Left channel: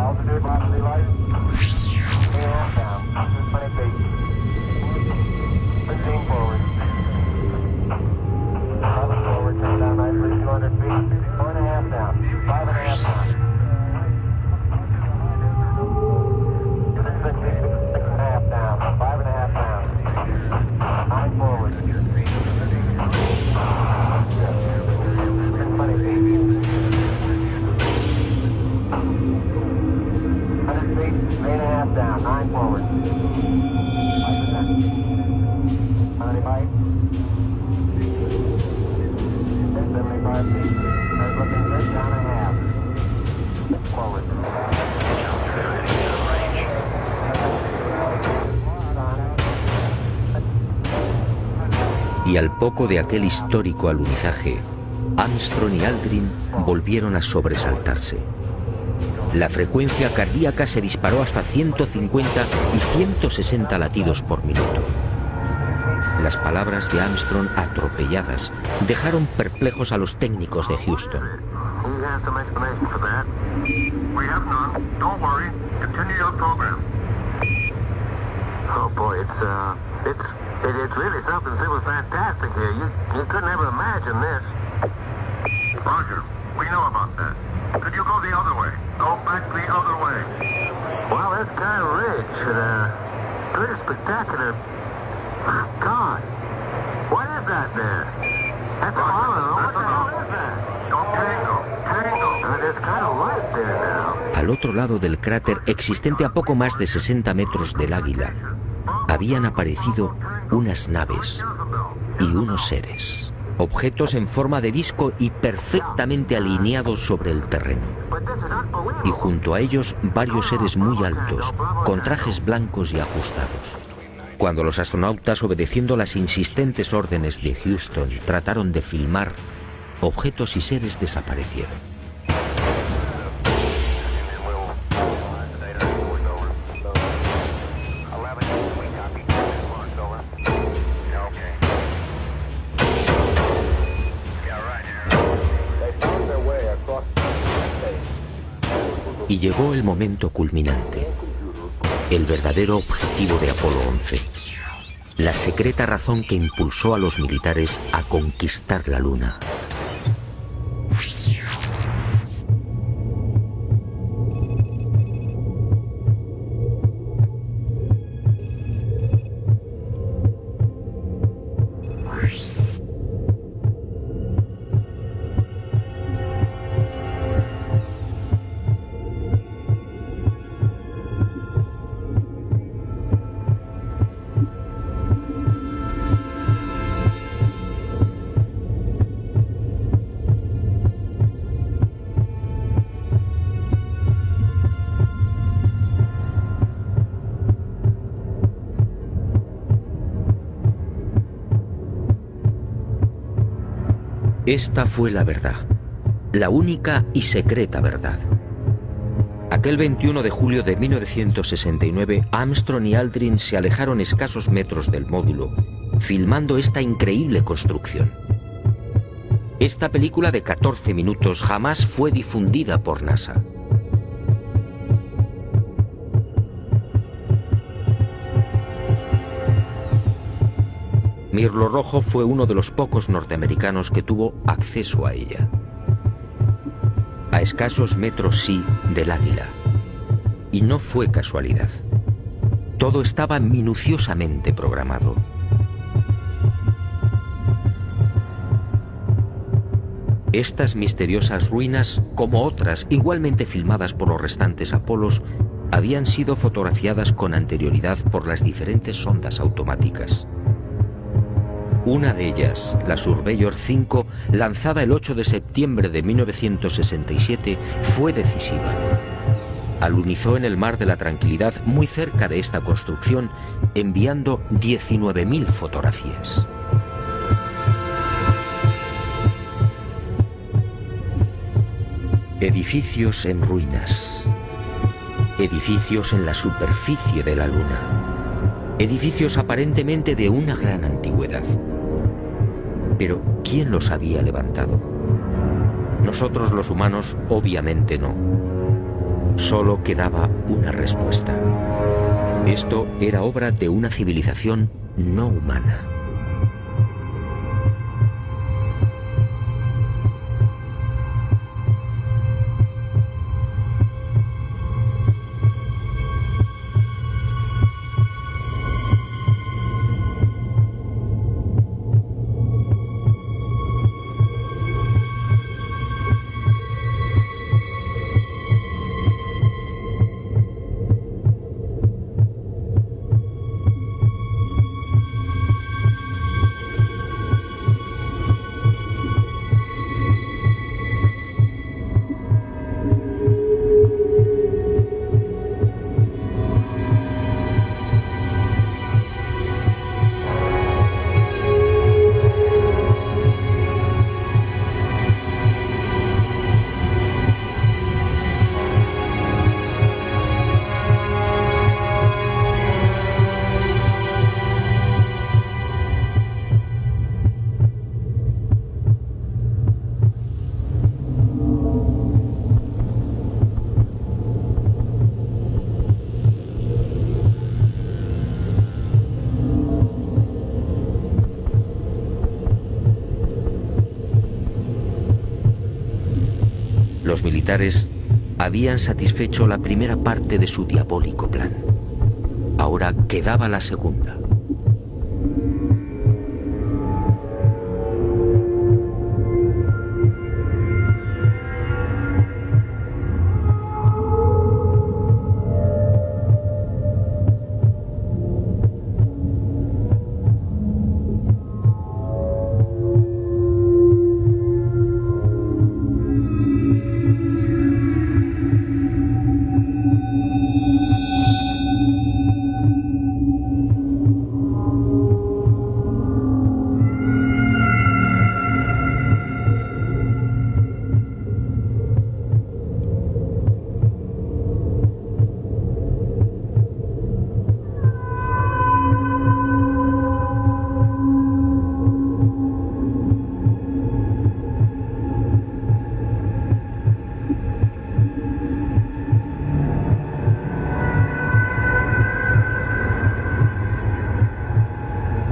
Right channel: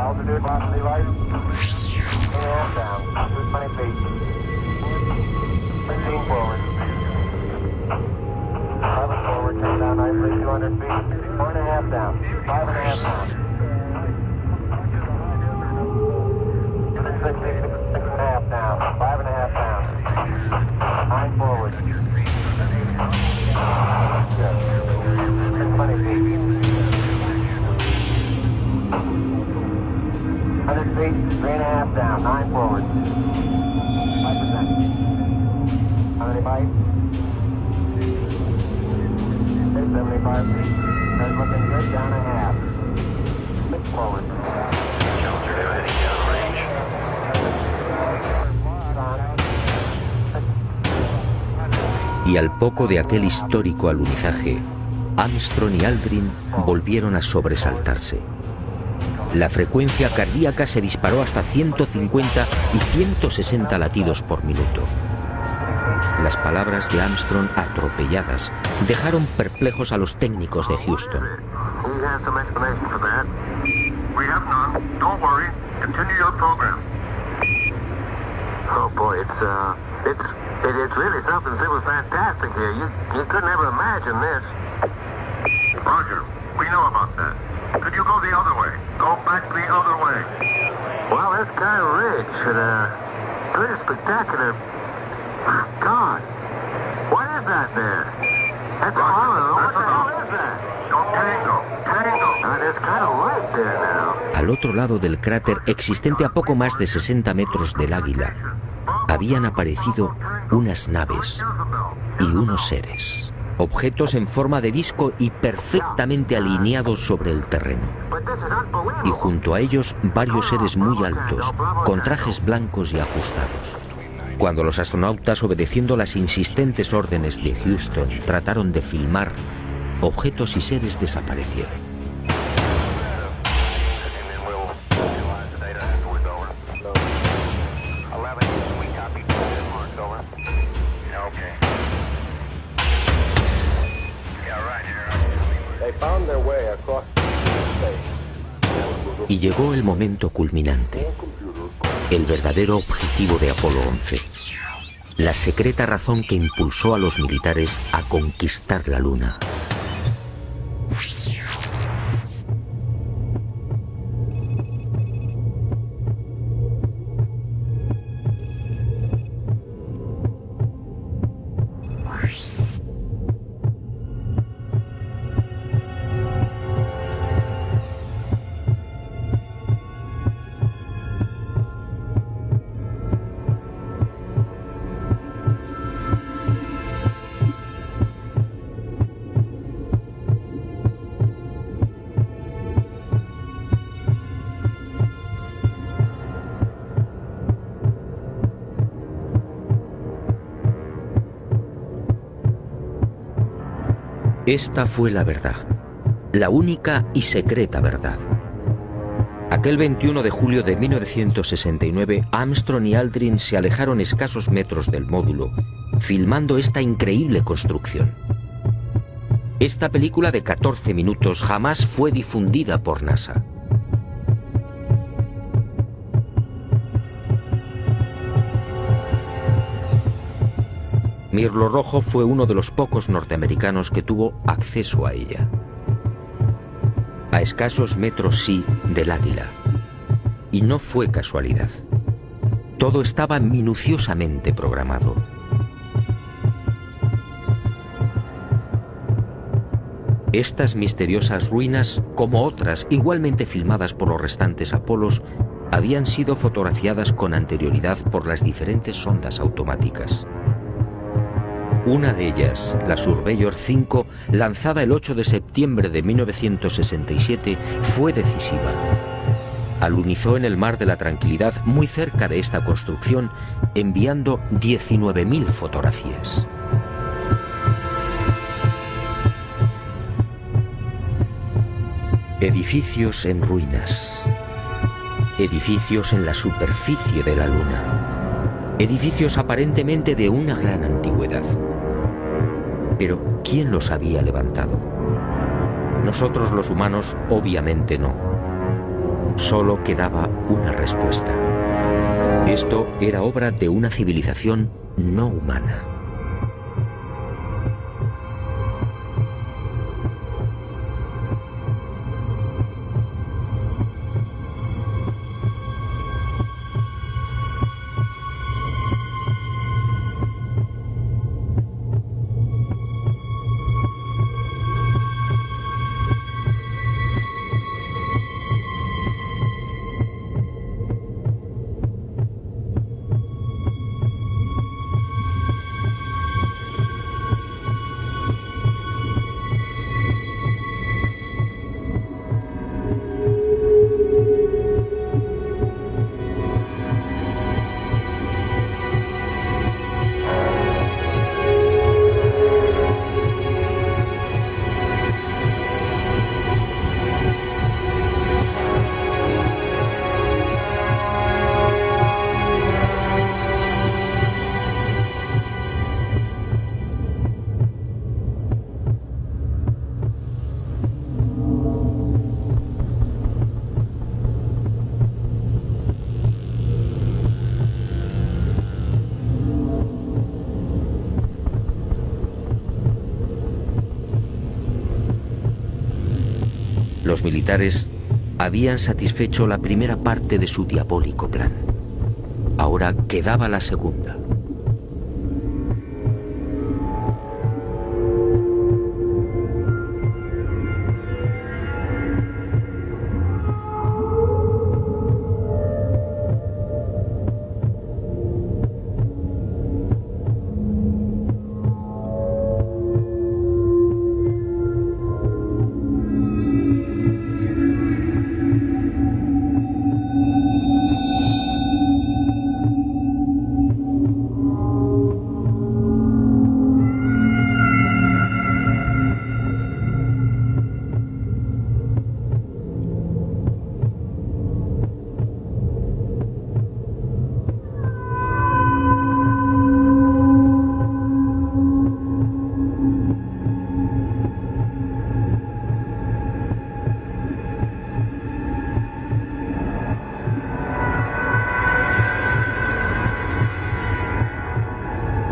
Altitude, velocity light. 8.5 down, 220 feet. 15 forward. 11 forward, turn down nicely, 200 feet. 4.5 down, 5.5 down. 6.5 down, 5.5 down. 9 forward. Good. 620 feet. 100 feet, 3.5 down, 9 forward. 5%. How many bites? 75 feet. That's looking good, down a half. 6 forward. Challenger now heading down range. Y al poco de aquel histórico alunizaje, Armstrong y Aldrin volvieron a sobresaltarse. La frecuencia cardíaca se disparó hasta 150 y 160 latidos por minuto. Las palabras de Armstrong, atropelladas, dejaron perplejos a los técnicos de Houston. It's really something that was fantastic here. You couldn't ever imagine this. Roger, we know about that. Could you go the other way? Go back the other way. Well, that's kind of rich and pretty spectacular. God, what is that there? That's Roger, all. What that's the hell enough. is that? Go tango. Tango. There's kind of light there now. Al otro lado del cráter, existente a poco más de 60 metros del Águila, habían aparecido unas naves y unos seres, objetos en forma de disco y perfectamente alineados sobre el terreno. Y junto a ellos varios seres muy altos, con trajes blancos y ajustados. Cuando los astronautas, obedeciendo las insistentes órdenes de Houston, trataron de filmar, objetos y seres desaparecieron. Y llegó el momento culminante, el verdadero objetivo de Apolo 11, la secreta razón que impulsó a los militares a conquistar la Luna. Esta fue la verdad, la única y secreta verdad. Aquel 21 de julio de 1969, Armstrong y Aldrin se alejaron escasos metros del módulo, filmando esta increíble construcción. Esta película de 14 minutos jamás fue difundida por NASA. Mirlo Rojo fue uno de los pocos norteamericanos que tuvo acceso a ella. A escasos metros, sí, del Águila. Y no fue casualidad. Todo estaba minuciosamente programado. Estas misteriosas ruinas, como otras igualmente filmadas por los restantes Apolos, habían sido fotografiadas con anterioridad por las diferentes sondas automáticas. Una de ellas, la Surveyor 5, lanzada el 8 de septiembre de 1967, fue decisiva. Alunizó en el Mar de la Tranquilidad, muy cerca de esta construcción, enviando 19.000 fotografías. Edificios en ruinas. Edificios en la superficie de la Luna. Edificios aparentemente de una gran antigüedad. Pero, ¿quién los había levantado? Nosotros los humanos, obviamente no. Solo quedaba una respuesta. Esto era obra de una civilización no humana. Los militares habían satisfecho la primera parte de su diabólico plan. Ahora quedaba la segunda.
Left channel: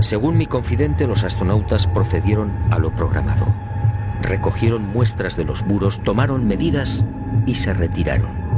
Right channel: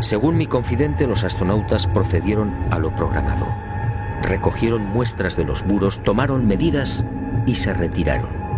Según mi confidente, los astronautas procedieron a lo programado. Recogieron muestras de los muros, tomaron medidas y se retiraron.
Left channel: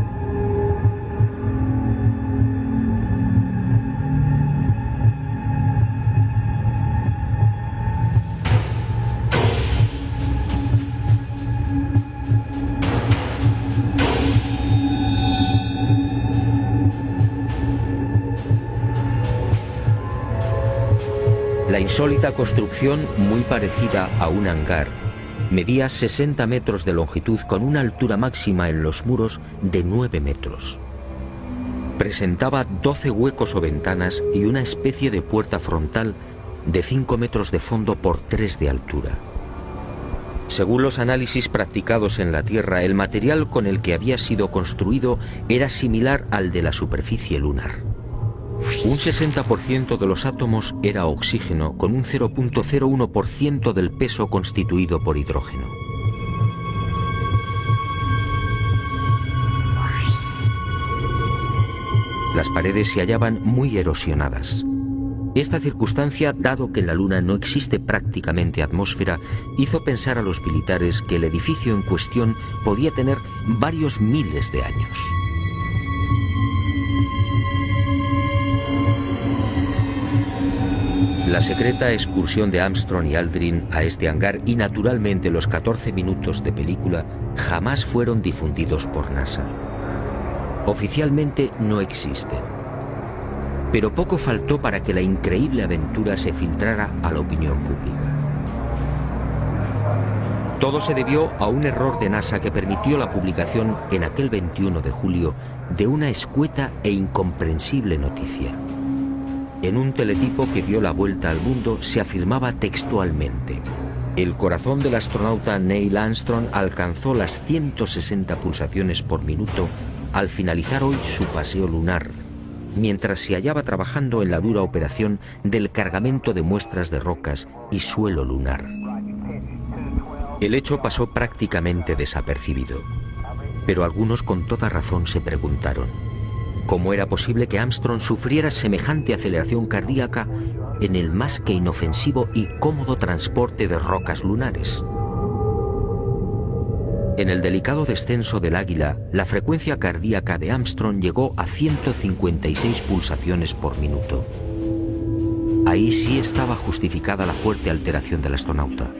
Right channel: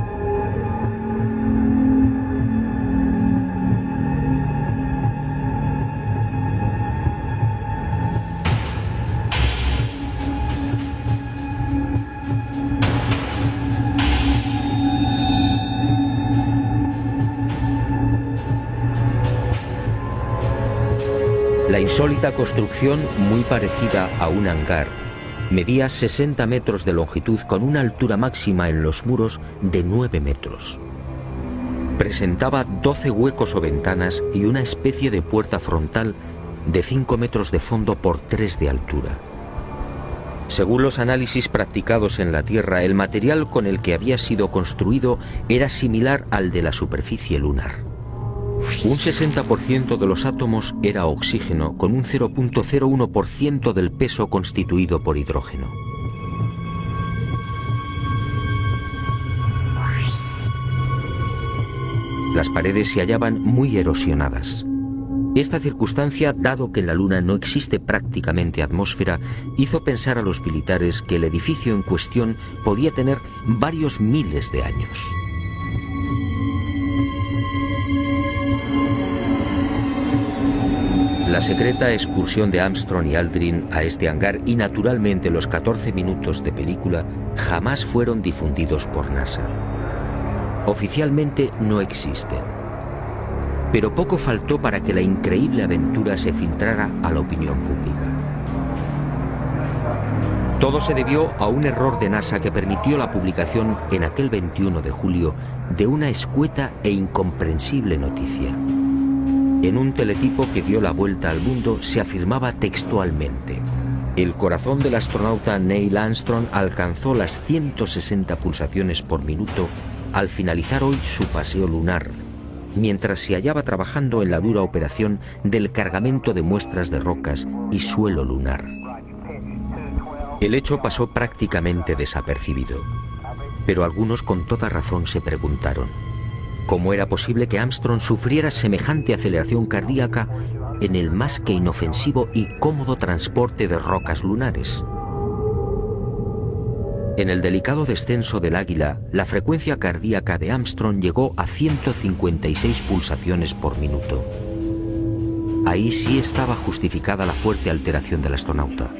La insólita construcción, muy parecida a un hangar, medía 60 metros de longitud con una altura máxima en los muros de 9 metros. Presentaba 12 huecos o ventanas y una especie de puerta frontal de 5 metros de fondo por 3 de altura. Según los análisis practicados en la Tierra, el material con el que había sido construido era similar al de la superficie lunar. Un 60% de los átomos era oxígeno, con un 0.01% del peso constituido por hidrógeno. Las paredes se hallaban muy erosionadas. Esta circunstancia, dado que en la Luna no existe prácticamente atmósfera, hizo pensar a los militares que el edificio en cuestión podía tener varios miles de años. La secreta excursión de Armstrong y Aldrin a este hangar y naturalmente los 14 minutos de película jamás fueron difundidos por NASA. Oficialmente no existen. Pero poco faltó para que la increíble aventura se filtrara a la opinión pública. Todo se debió a un error de NASA que permitió la publicación en aquel 21 de julio de una escueta e incomprensible noticia. En un teletipo que dio la vuelta al mundo se afirmaba textualmente: el corazón del astronauta Neil Armstrong alcanzó las 160 pulsaciones por minuto al finalizar hoy su paseo lunar, mientras se hallaba trabajando en la dura operación del cargamento de muestras de rocas y suelo lunar. El hecho pasó prácticamente desapercibido. Pero algunos con toda razón se preguntaron cómo era posible que Armstrong sufriera semejante aceleración cardíaca en el más que inofensivo y cómodo transporte de rocas lunares. En el delicado descenso del Águila, la frecuencia cardíaca de Armstrong llegó a 156 pulsaciones por minuto. Ahí sí estaba justificada la fuerte alteración del astronauta.